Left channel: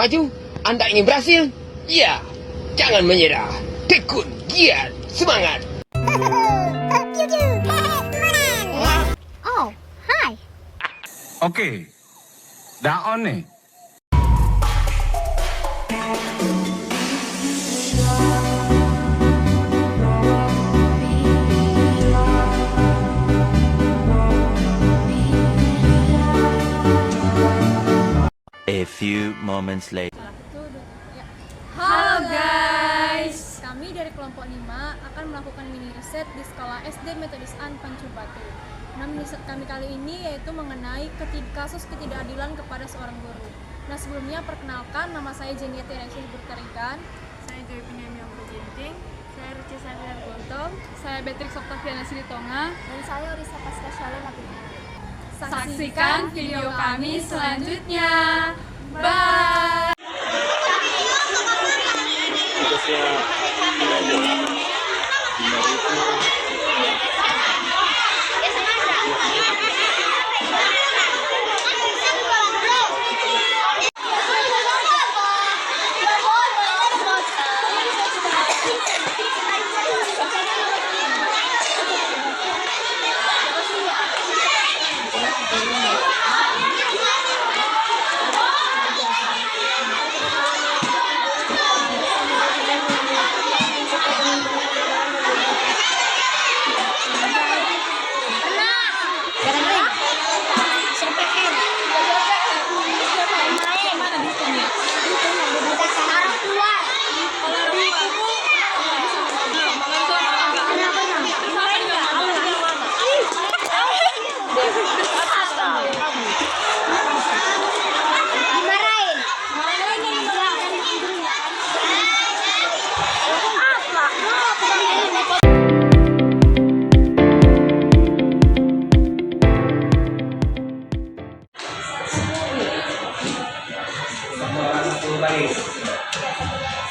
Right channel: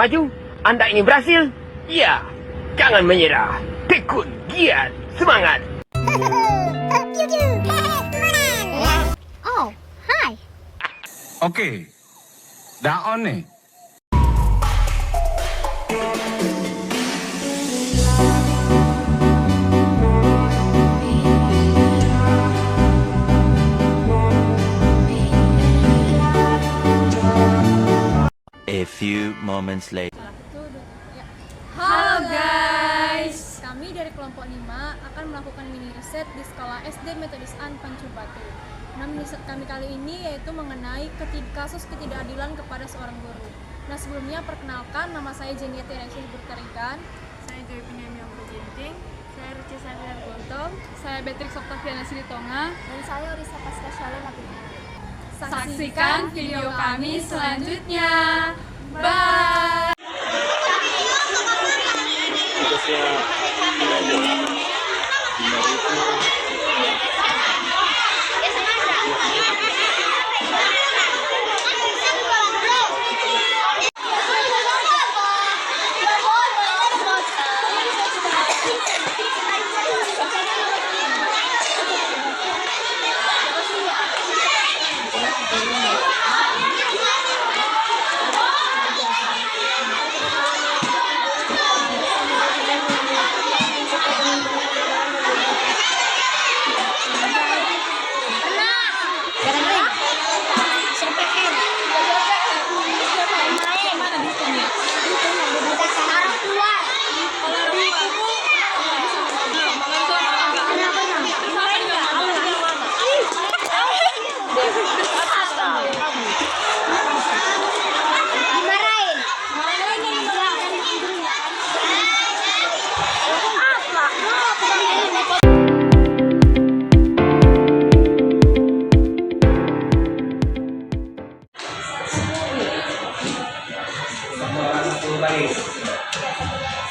maju? Anda ingin berhasil? Ya, jangan menyerah. Tekun, giat, semangat. Oh, hi. Oke, dah on nih. A few moments later. Halo guys, kami dari kelompok 5 akan melakukan mini riset di sekolah SD Metodis An Pancu Batu. Nah, mini riset kami kali ini yaitu mengenai kasus ketidakadilan kepada seorang guru. Nah, sebelumnya perkenalkan, nama saya Jeniati Alexis Bertarikan. Saya Joy Pinamiang Pujenting. Saya Ruci Sandra Gontong. Saya Beatrix Octaviana Silitonga. Dan saya Orisa Pasca Shalom Nabi. Saksikan video kami selanjutnya. Bye.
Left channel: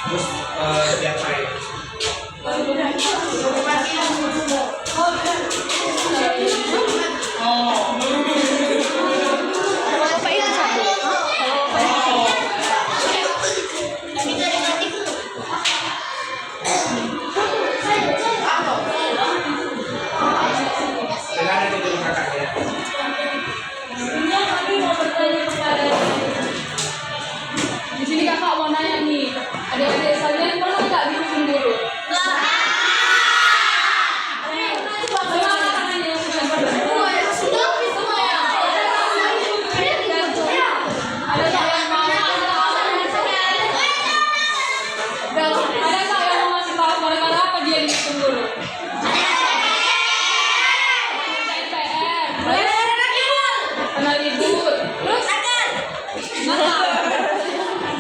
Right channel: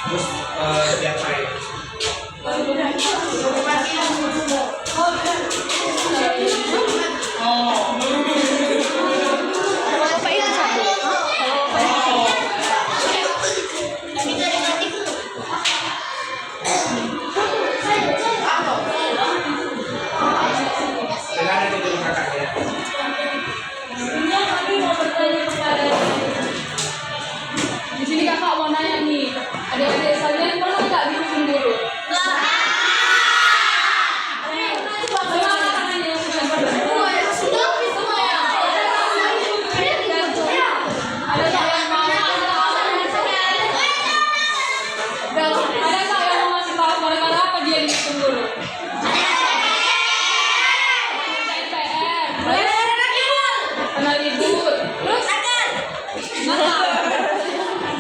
Terus lihat saya. Di sini kakak mau nanya nih, adik-adik kalian pernah nggak dihukum guru?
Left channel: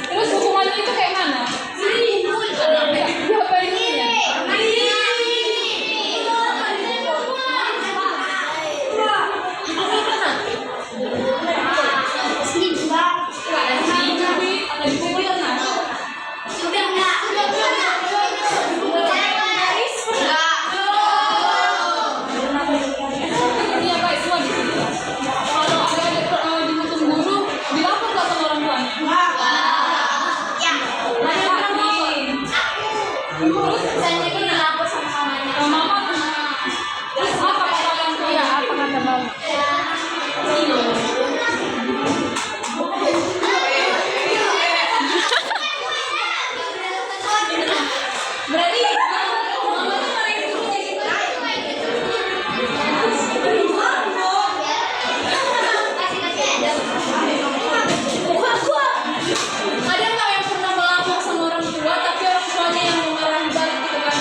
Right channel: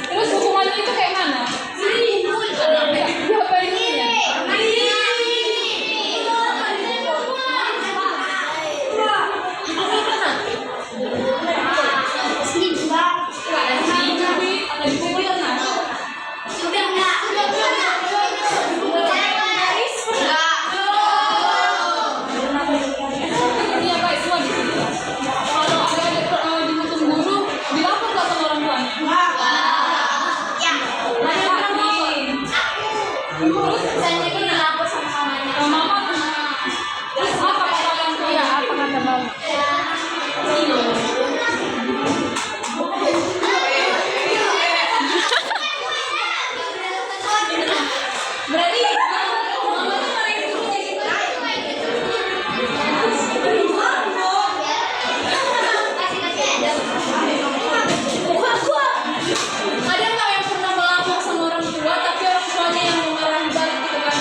Terus hukumannya itu kayak mana? Diapain ya? Ini apa semua di sini? Kalau ada dihukum guru, dilapor nggak sama orang tuanya? Terus saya ini lapor sama mamanya. Sama mama. Terus apa kata orang tua? Ya, apa kata mama? Berarti mama tuh marahin gurunya gitu. Ada nggak yang pernah melapor sama orang tua tapi orang tuanya yang memarahi balik gitu kan?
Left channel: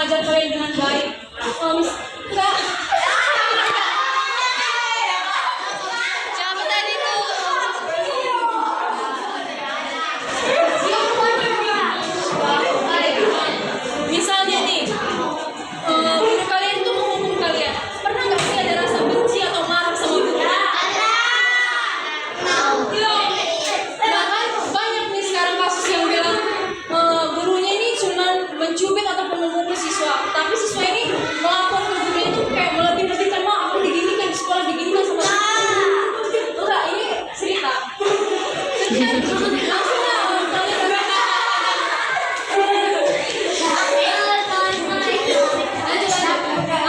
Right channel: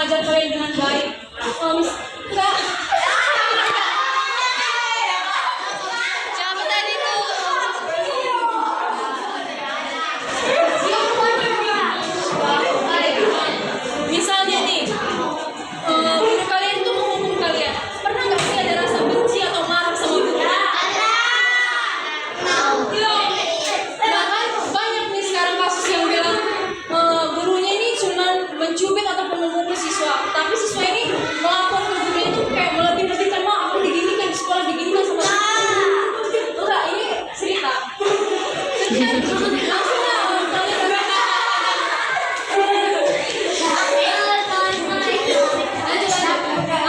mengajar kalian dengan baik. Enggak. Siapa tadi tuh? Misalnya nih, guru kalian itu menghukum kalian. Pernah nggak sih ada rasa benci atau marah sama guru? Bahkan banyak nih sekarang kasus yang bilang gurunya ini cuma mencubit ataupun memukul siswa, tapi siswa ini melapor ke gurunya itu kayak melebih-lebihkan, aku diginikan di sekolah, diginikan sama enggak, ini cerita.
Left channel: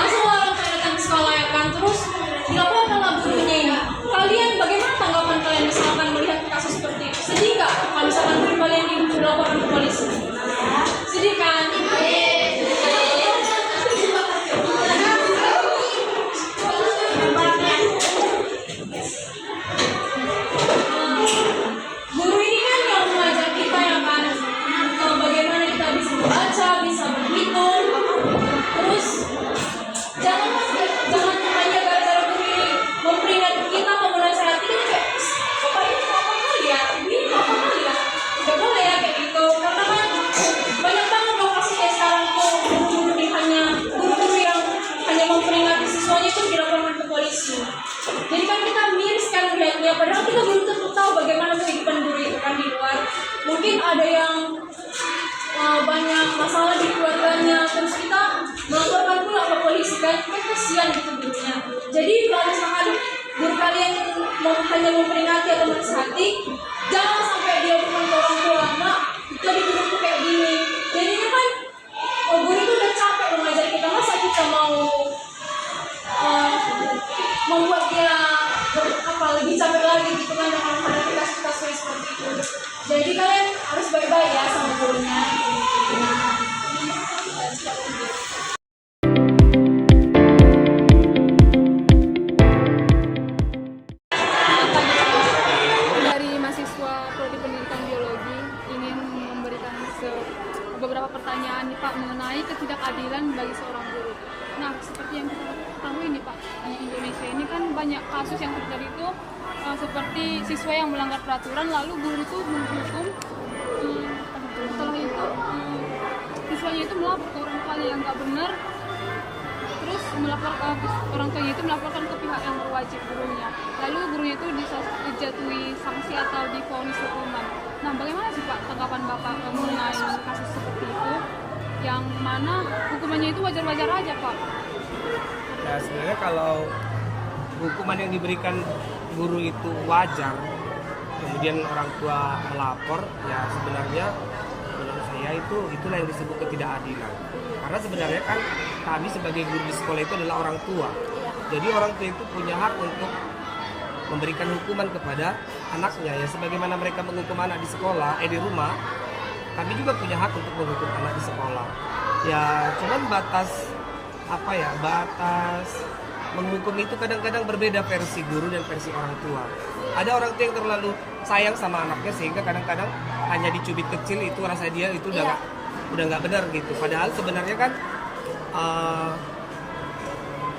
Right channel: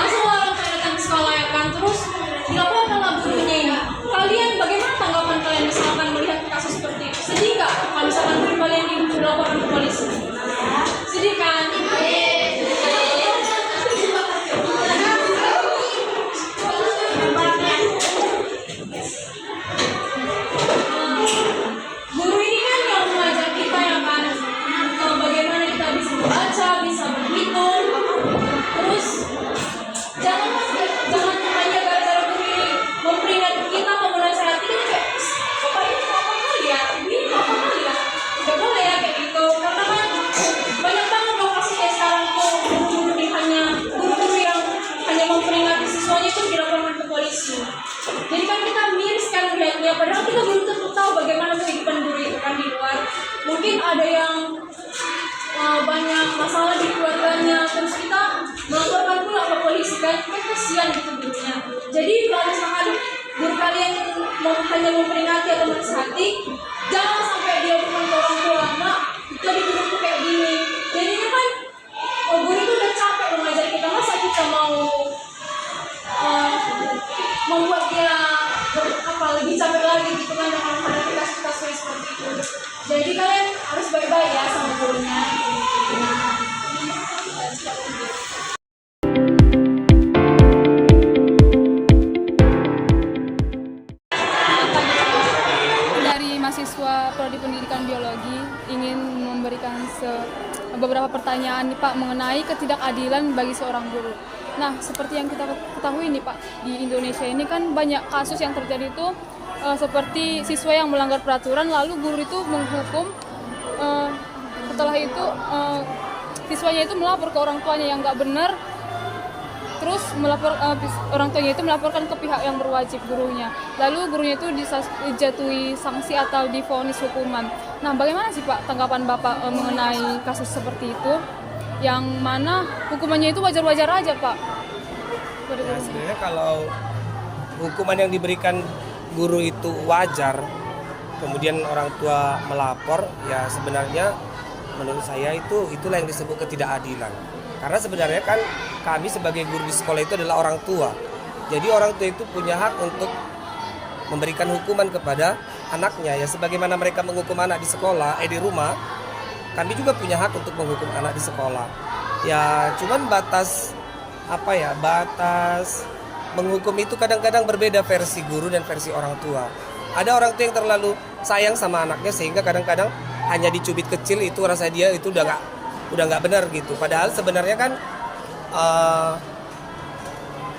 Langsung orang datang ke sekolah ya kan, terus dilaporkanlah gurunya ini. Kalian bagaimana tanggapan kalian misalkan melihat kasus seperti itu? Sedih nggak kalau misalkan guru kalian dilaporkan ke polisi? Sedih kan? Guru ini kan yang mengajar kita ya kan, bagaimana kita bisa membaca, bisa berhitung. Terus jangan hanya gara-gara guru ini memperingatkan kita atau menasihati kita kayak apa ini apa kali ya, ini apa kali ya, nggak boleh ya kayak gitu. Karena kan banyak banget dong kasus kayak sekarang tuh guru-guru yang hanya memperingati siswanya itu dilaporkan ke polisi. Jadi kan kita miris kan melihatnya, padahal kita belum tentu tahu bagaimana kehidupan guru itu kan di luar. Mungkin ada yang banyak masalah di keluarganya, terus kita melaporkan pula ke polisi kan kasihan gitu gurunya. Jadi kalau misalkan guru kalian hanya memperingati atau menasihati, jangan sampai dia bukan ke orang tua, mak tadi guruku kayak gini. Jadinya kan guru itu udah capek mengajar kita, masa kita mau membuat dia lebih capek lagi gitu kan dengan menghadapi kasus-kasus seperti itu. Jadi kalian harus baik-baik ya sama gurunya. Dari mahasiswa Prodi Pendidikan Biologi ingin memberikan beberapa pertanyaan nih Pak mengenai ketidakadilan bagi seorang guru. Nah, seperti yang kita ketahui nih Pak, di Indonesia ini kan banyak kasus yang terjadi itu seperti siswa yang melanggar peraturan lalu guru itu menghukum, setelah itu siswanya itu melapor ke orang tuanya yang nggak benar, terus orang tuanya itu melaporkan ke pihak yang berwajib, gurunya. Lalu gurunya itu dijatuhi sanksi atau divonis hukuman. Nah, bagaimana sih Pak tanggapan Bapak mengenai kasus seperti itu? Yang mana hukumannya itu wajar-wajar aja Pak? Ya sebenarnya kalau hukuman yang diberikan guru itu wajar, kemudian orang tua melapor, ya sebenarnya menurut saya itulah yang disebut ketidakadilan. Karena sebenarnya kan kami sebagai guru di sekolah itu adalah orang tua. Jadi orang tua itu punya hak untuk memberikan hukuman kepada anaknya. Ya sebagaimana mereka menghukum anak di sekolah, di rumah, kami juga punya hak untuk menghukum anak di sekolah. Ya cuman batas menghukum itu kadang-kadang berbeda versi guru dan versi orang tua. Ada orang tua yang terlalu sayang sama anaknya sehingga kadang-kadang hanya dicubit kecil itu rasa dia itu udah nggak benar gitu. Padahal sebenarnya kan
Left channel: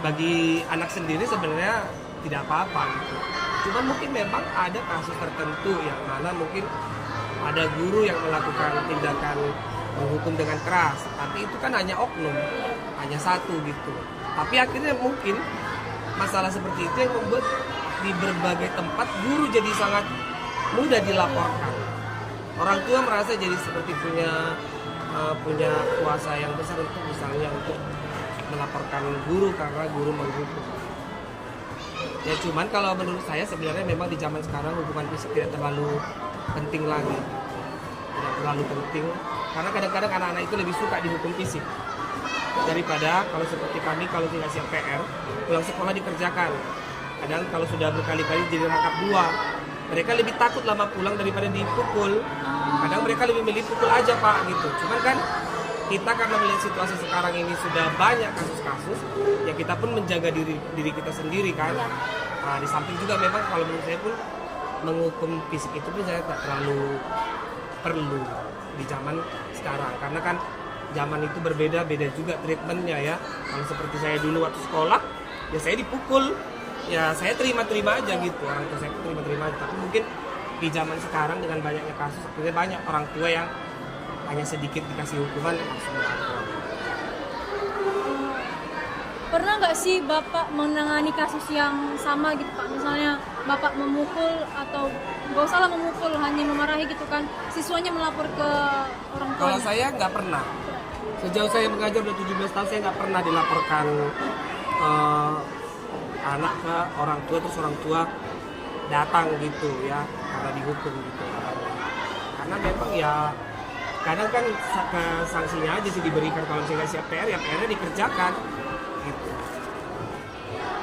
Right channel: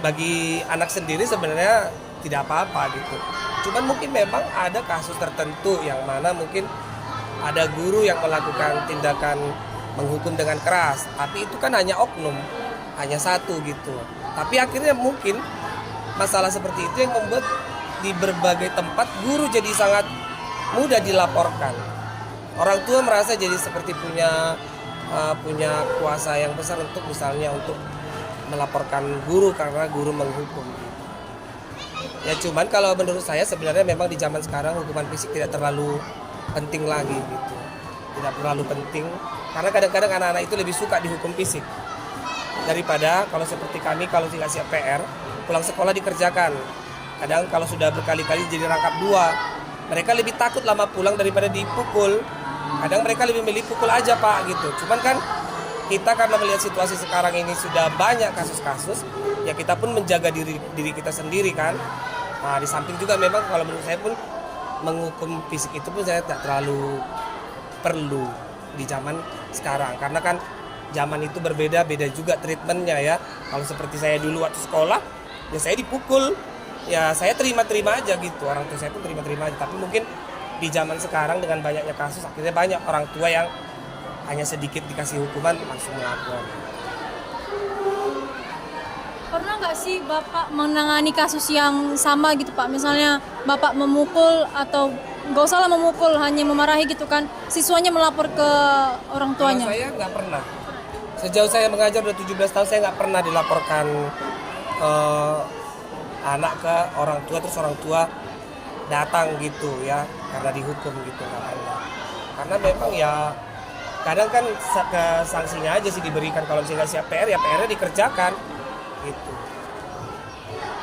bagi anak sendiri sebenarnya tidak apa-apa gitu. Cuman mungkin memang ada kasus tertentu yang mana mungkin ada guru yang melakukan tindakan menghukum dengan keras, tapi itu kan hanya oknum, hanya satu gitu. Tapi akhirnya mungkin masalah seperti itu yang membuat di berbagai tempat guru jadi sangat mudah dilaporkan. Orang tua merasa jadi seperti punya kuasa yang besar untuk misalnya untuk melaporkan guru karena guru menghukum. Ya cuman kalau menurut saya sebenarnya memang di zaman sekarang hukuman fisik tidak terlalu penting lagi gitu. Tidak terlalu penting karena kadang-kadang anak-anak itu lebih suka dihukum fisik daripada kalau seperti kami kalau tidak siap PR pulang sekolah dikerjakan. Kadang kalau sudah berkali-kali jadi rangkap 2, mereka lebih takut lama pulang daripada dipukul. Kadang mereka lebih milih pukul aja Pak gitu. Cuman kan kita karena melihat situasi sekarang ini sudah banyak kasus-kasus, ya kita pun menjaga diri kita sendiri kan. Nah, di samping juga memang kalau menurut saya pun menghukum fisik itu pun saya tak terlalu perlu di zaman sekarang karena kan zaman itu berbeda-beda juga treatmentnya ya. Kalau seperti saya dulu waktu sekolah, ya saya dipukul, ya saya terima-terima aja gitu. Orang tua saya itu terima-terima aja. Tapi mungkin di zaman sekarang dengan banyaknya kasus, akhirnya banyak orang tua yang hanya sedikit dikasih hukuman langsung melakukan. Pernah nggak sih Bapak menangani kasus yang sama gitu Pak? Misalnya Bapak memukul atau nggak usah lah memukul, hanya memarahi gitu kan, siswanya melapor ke orang Kalau tuanya? saya nggak pernah. Sejauh saya mengajar udah 17 tahun, saya nggak pernah dilaporkan anak ke orang tua, terus orang tua datang gitu ya, karena dihukum gitu. Karena memang ya kadang kan sanksinya aja sih diberikan. Kalau misalnya nggak siap PR, ya PR-nya dikerjakan gitu.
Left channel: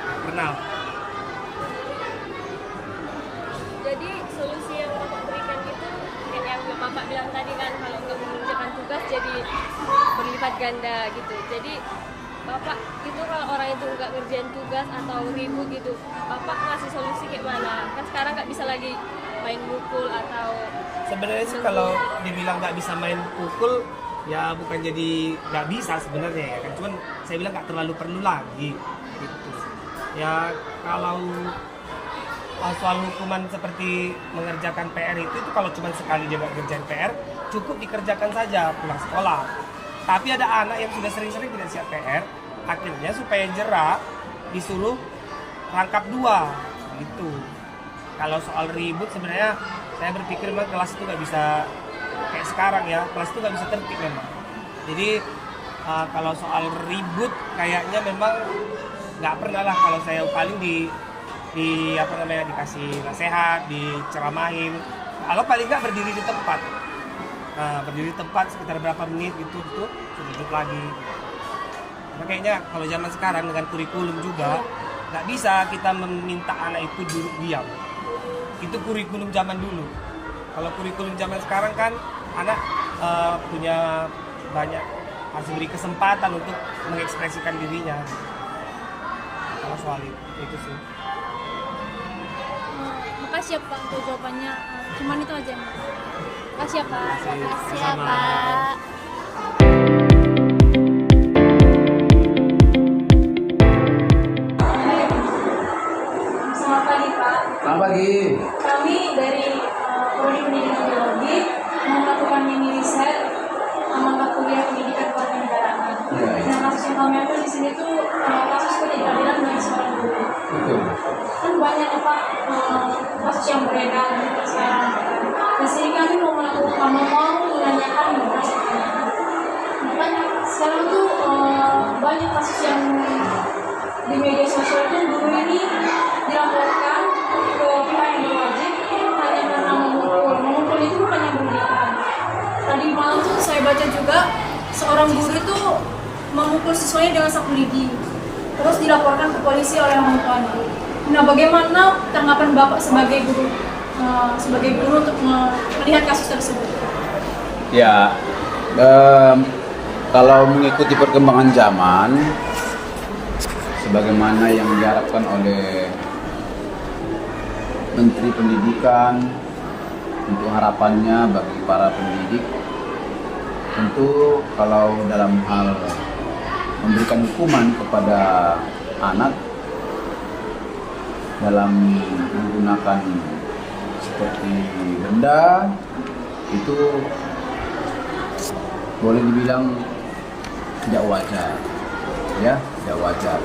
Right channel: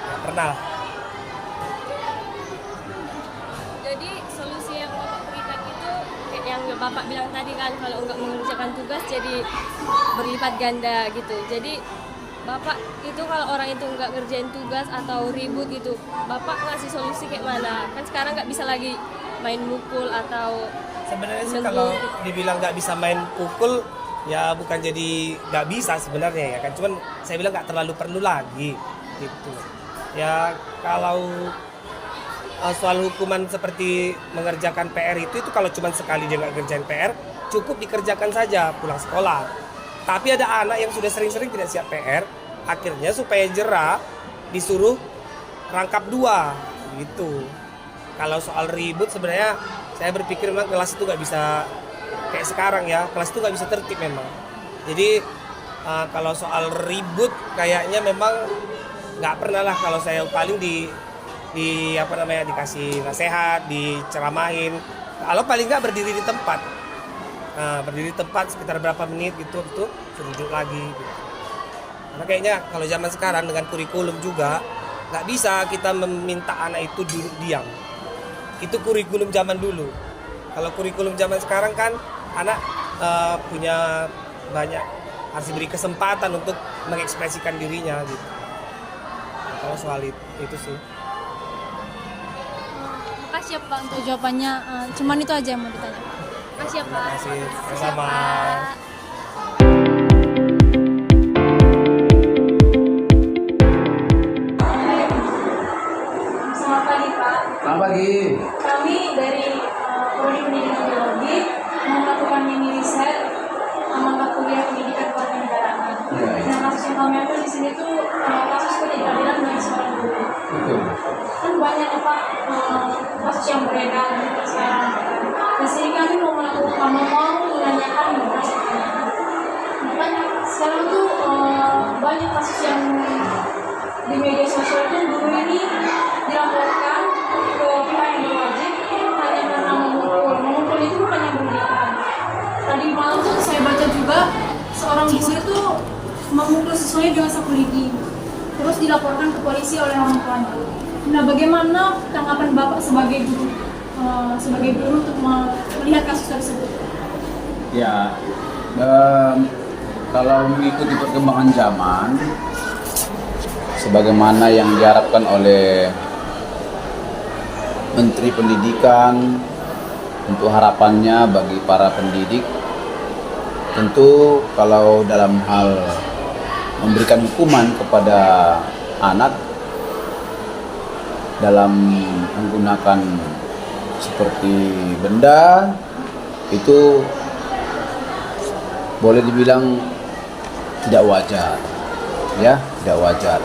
Nggak pernah. Jadi solusi yang Bapak berikan itu yang Bapak bilang tadi kan, kalau untuk mengerjakan tugas jadi berlipat ganda gitu. Jadi Bapak itu kalau orang itu nggak kerjain tugas atau ribut gitu, Bapak ngasih solusi kayak mana? Kan sekarang nggak bisa lagi main mukul atau Sebenarnya sih kalau dibilang nggak bisa main pukul, ya bukan jadi nggak bisa sebenarnya ya kan. Cuman saya bilang nggak terlalu perlu lagi gitu. Ya kalau soal hukuman seperti mengerjakan PR itu kalau cuma sekali dia nggak kerjain PR, cukup dikerjakan saja pulang sekolah. Tapi ada anak yang sudah sering-sering tidak siap PR, akhirnya supaya jerah disuruh rangkap 2 gitu. Kalau soal ribut sebenarnya saya berpikir memang kelas itu nggak bisa kayak sekarang ya, kelas itu nggak bisa tertib memang. Jadi kalau soal ribut kayaknya memang nggak pernah lah. Kalau saya paling dikasih nasihat, diceramahin. Kalau paling nggak berdiri di tempat, berdiri di tempat sekitar berapa menit gitu, suruh duduk lagi. Gitu. Karena kayaknya kalau zaman sekarang dengan kurikulum juga nggak bisa kita meminta anak itu duduk diam. Itu kurikulum zaman dulu. Kalau kurikulum zaman sekarang kan anak punya banyak, harus diberi kesempatan untuk mengekspresikan dirinya gitu. Kalau soal itu sih. Makasih ya Pak untuk jawabannya. Cuman itu aja yang mau kita. Makasih ya Pak. Sama. Selamat pagi Pak. Selamat pagi. Kami dari Prodi Pendidikan Biologi mau melakukan mini riset mata kuliah pendidikan kewarganegaraan. Nah, kasus yang kami ambil di sini tuh kasus ketidakadilan bagi seorang guru. Betul. Kan banyak ya Pak kasus yang beredar sekarang. Di sini kami mau menanyakan beberapa pertanyaan. Makanya sekarang tuh banyak kasus yang di media sosial itu guru ini dilaporkan ke pihak yang berwajib hanya karena memukul itu bukan yang berlebihan. Tadi malam tuh saya baca juga seorang guru itu memukul siswanya dengan sapu lidi, terus dilaporkan ke polisi oleh orang tuanya. Nah, bagaimana tanggapan Bapak sebagai guru untuk melihat kasus tersebut? Ya, kalau mengikuti perkembangan zaman, sebagaimana yang diharapkan oleh Menteri Pendidikan untuk harapannya bagi para pendidik, tentu kalau dalam hal memberikan hukuman kepada anak dalam menggunakan seperti benda, itu boleh dibilang tidak wajar, ya, tidak wajar.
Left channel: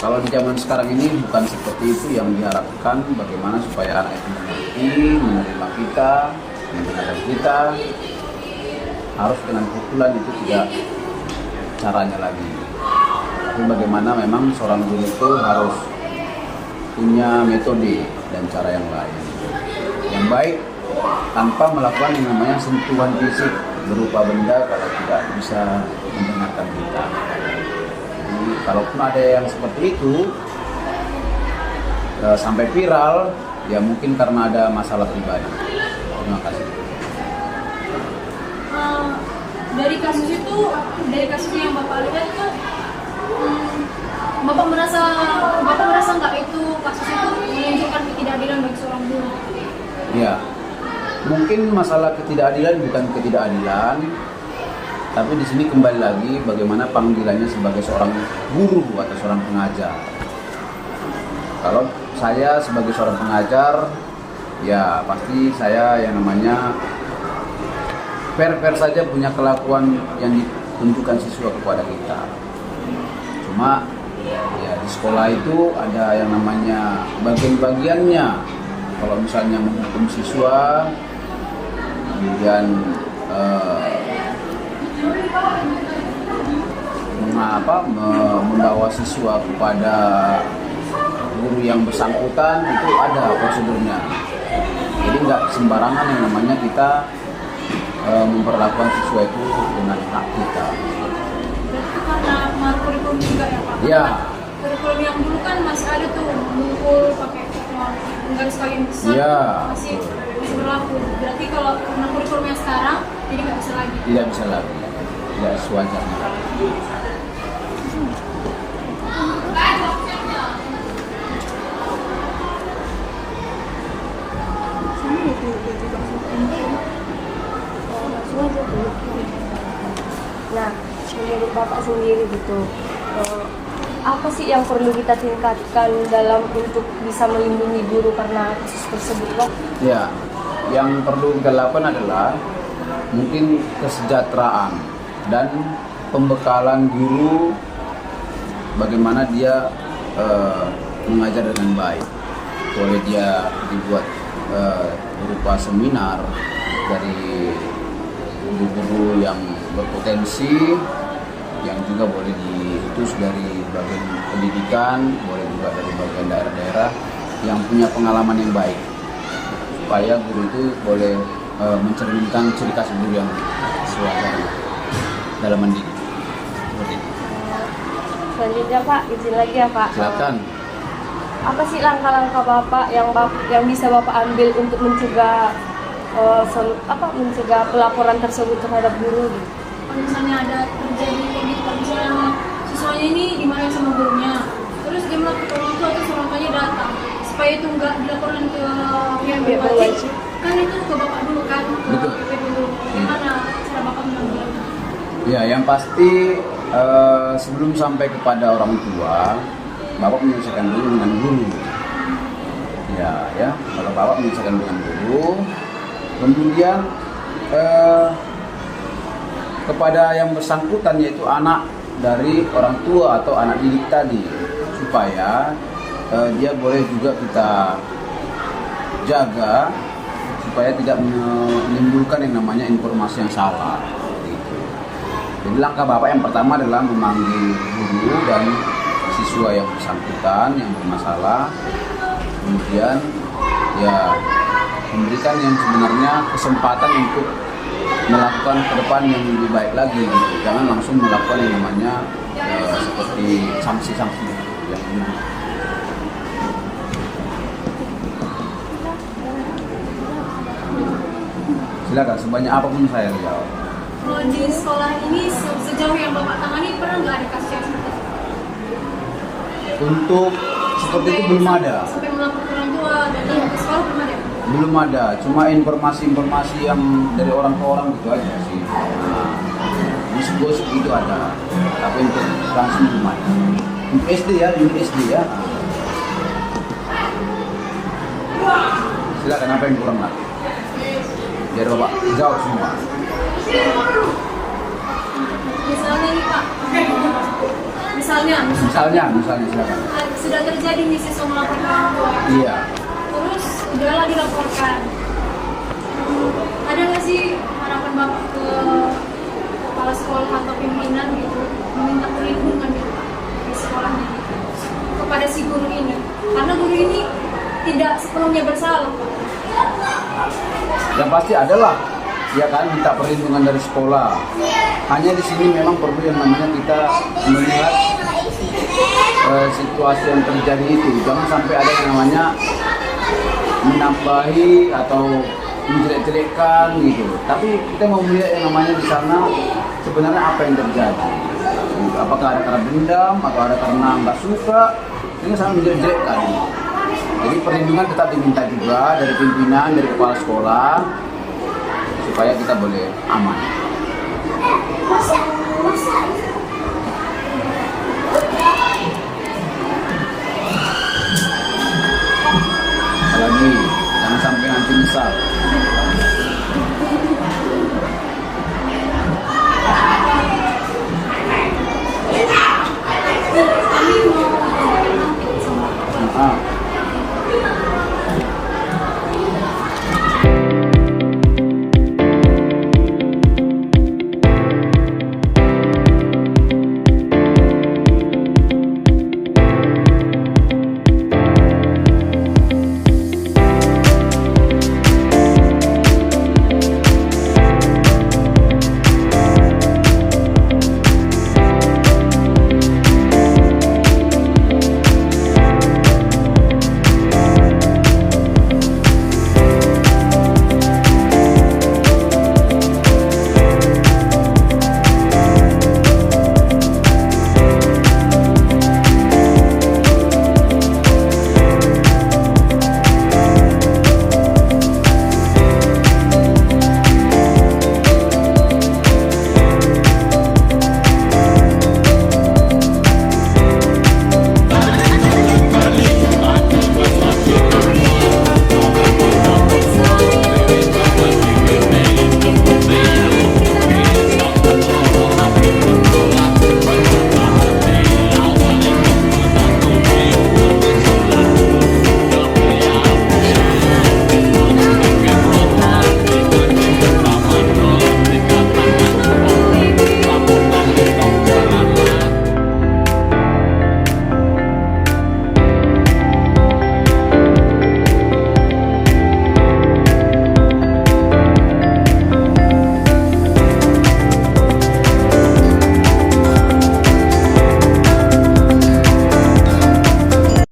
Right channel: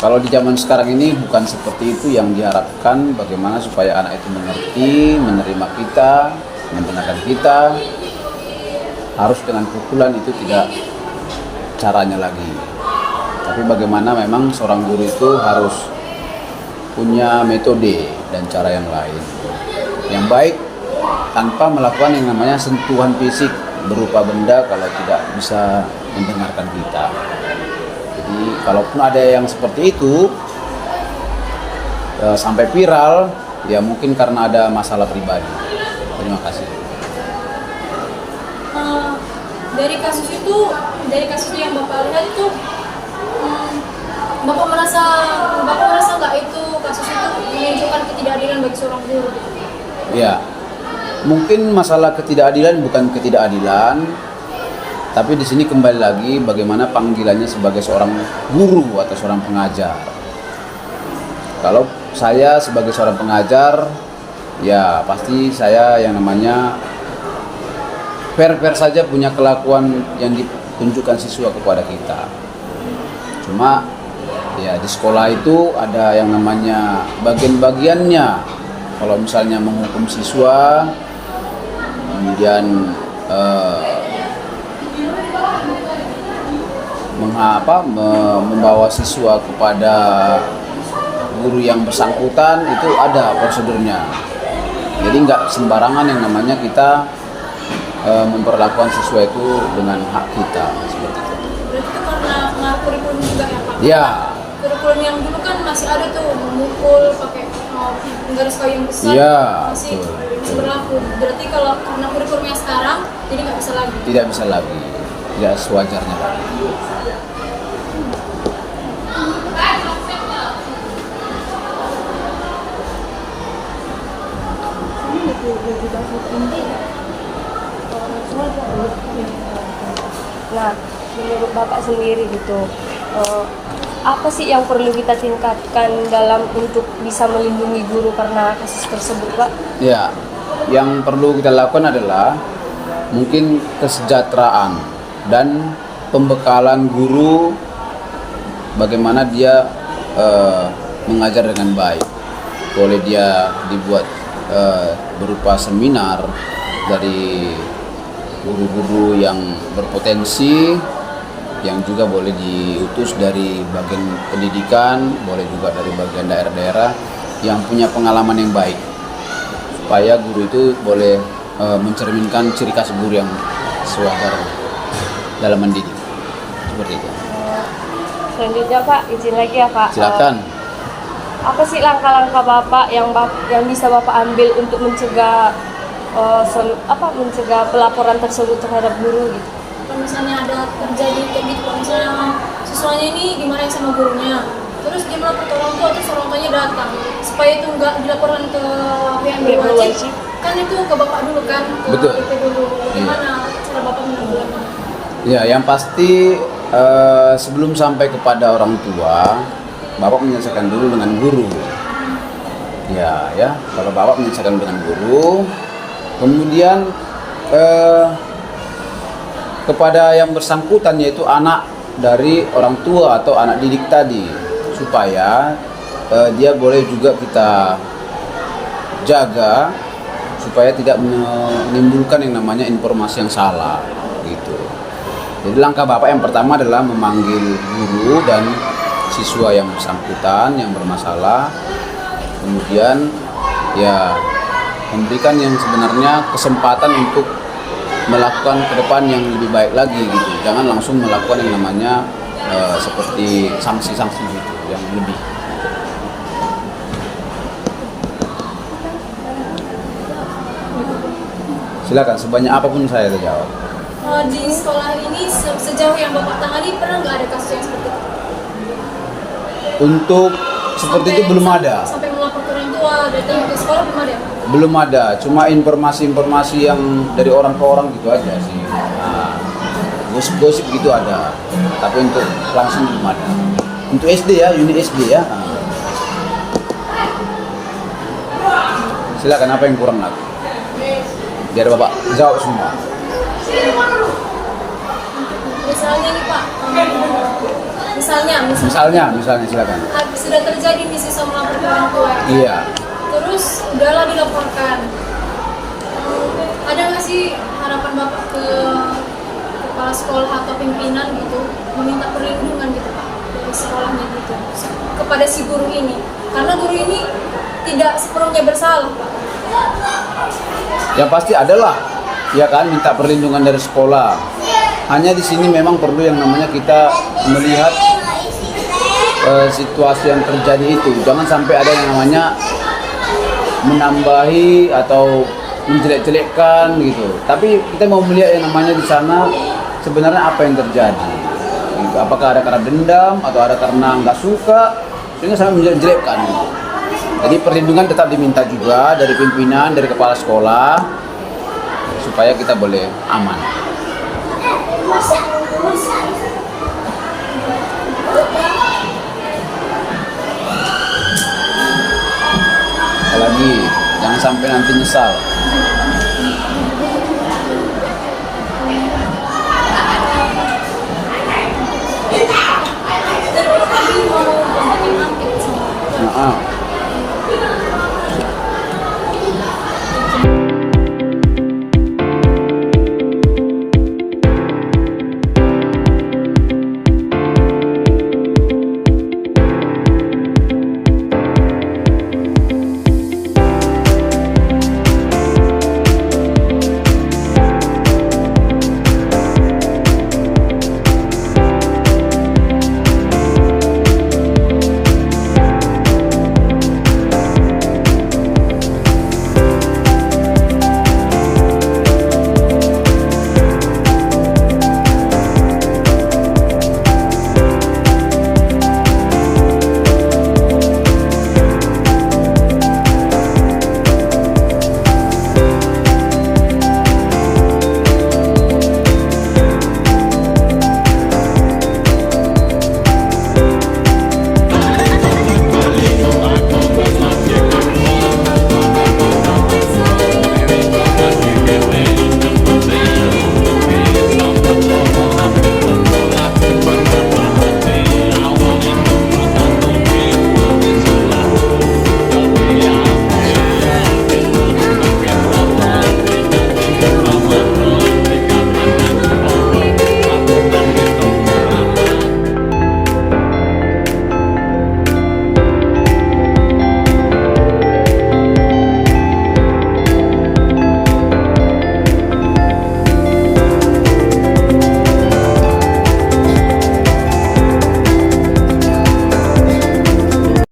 Kalau di zaman sekarang ini bukan seperti itu yang diharapkan. Bagaimana supaya anak itu mengerti, menerima kita, mendengarkan kita. Harus dengan pukulan itu tidak caranya lagi. Tapi bagaimana memang seorang guru itu harus punya metode dan cara yang lain, yang baik, tanpa melakukan yang namanya sentuhan fisik berupa benda kalau tidak bisa mendengarkan kita. Jadi kalaupun ada yang seperti itu sampai viral, ya mungkin karena ada masalah pribadi. Terima kasih. Dari kasus yang Bapak lihat itu, Bapak merasa nggak itu kasus itu menunjukkan ketidakadilan bagi seorang guru? Ya, mungkin masalah ketidakadilan bukan ketidakadilan, Tapi di sini kembali lagi bagaimana panggilannya sebagai seorang guru atau seorang pengajar. Kalau saya sebagai seorang pengajar, ya pasti saya yang namanya fair-fair saja punya kelakuan yang ditunjukkan siswa kepada kita. Cuma ya di sekolah itu ada yang namanya bagian-bagiannya. Kalau misalnya menghukum siswa, kemudian membawa siswa kepada guru yang bersangkutan, itu ada prosedurnya. Jadi nggak sembarangan yang namanya kita memperlakukan siswa itu dengan hak kita. Berarti itu karena kurikulum juga ya Pak? Ya. Kurikulum yang dulu kan masih ada tuh memukul pakai garis kayu yang besar, Ya, masih betul. berlaku. Berarti kalau karena kurikulumnya sekarang, jadi nggak bisa lagi. Tidak bisa lagi, tidak sewajarnya. Nah, menurut Bapak sendiri gitu, apa sih yang perlu kita tingkatkan dalam untuk bisa melindungi guru karena kasus tersebut, Pak? Ya, yang perlu kita lakukan adalah mungkin kesejahteraan dan pembekalan guru, bagaimana dia mengajar dengan baik. Boleh dia dibuat berupa seminar dari guru-guru yang berpotensi, yang juga boleh diutus dari bagian pendidikan, boleh juga dari bagian daerah-daerah yang punya pengalaman yang baik, supaya guru itu boleh mencerminkan ciri khas guru yang sewajar dalam mendidik. Seperti itu. Selanjutnya Pak, izin lagi ya Pak. Silakan. Apa sih langkah-langkah Bapak yang bisa Bapak ambil untuk mencegah mencegah pelaporan tersebut terhadap guru gitu? Kalau misalnya ada terjadi kayak gitu, kalau misalnya siswanya ini dimarahin sama gurunya, terus dia melapor ke orang tua, terus orang tuanya datang, supaya itu nggak dilaporkan ke pihak berwajib, kan itu ke Bapak dulu kan, ke Betul. PP dulu. Gimana cara Bapak menanggulannya? Ya, yang pasti sebelum sampai kepada orang tua, Bapak menyelesaikan dulu dengan guru. Ya, Bapak menyelesaikan dengan guru. Kemudian kepada yang bersangkutan, yaitu anak dari orang tua atau anak didik tadi, supaya dia boleh juga kita jaga supaya tidak menimbulkan yang namanya informasi yang salah gitu. Jadi langkah Bapak yang pertama adalah memanggil guru dan siswa yang bersangkutan yang bermasalah, kemudian ya memberikan yang sebenarnya kesempatan untuk melakukan ke depan yang lebih baik lagi gitu. Jangan langsung melakukan yang namanya seperti sanksi-sanksi gitu, yang lebih. Silakan, sebanyak apapun saya jawab. Di sekolah ini sejauh yang Bapak tangani pernah nggak ada kasus yang seperti itu? Untuk seperti itu belum ada. Sampai melapor ke orang tua, datang ke sekolah belum ada? Belum ada, cuma informasi-informasi yang dari orang ke orang gitu aja sih. Gosip-gosip gitu ada, tapi untuk langsung belum ada. Untuk SD ya, unit SD ya. Silakan, apa yang kurang lagi? Biar Bapak jawab semua. Misalnya nih Pak, misalnya Silakan. sudah terjadi nih siswa melapor ke orang tua. Iya. Terus udahlah dilaporkan. Ada nggak sih harapan Bapak ke kepala sekolah atau pimpinan gitu, meminta perlindungan gitu Pak dari sekolahnya gitu kepada si guru ini? Karena guru ini tidak sepenuhnya bersalah Pak. Yang pasti adalah, ya kan, minta perlindungan dari sekolah. Hanya di sini memang perlu yang namanya kita melihat situasi yang terjadi itu. Jangan sampai ada yang namanya menambahi atau menjelek-jelekkan gitu. Tapi kita mau melihat yang namanya di sana sebenarnya apa yang terjadi. Apakah ada karena dendam atau ada karena nggak suka, sehingga sampai menjelek-jelekkan. Jadi perlindungan tetap diminta juga dari pimpinan, dari kepala sekolah, supaya kita boleh aman. Apalagi jangan sampai nanti nyesal.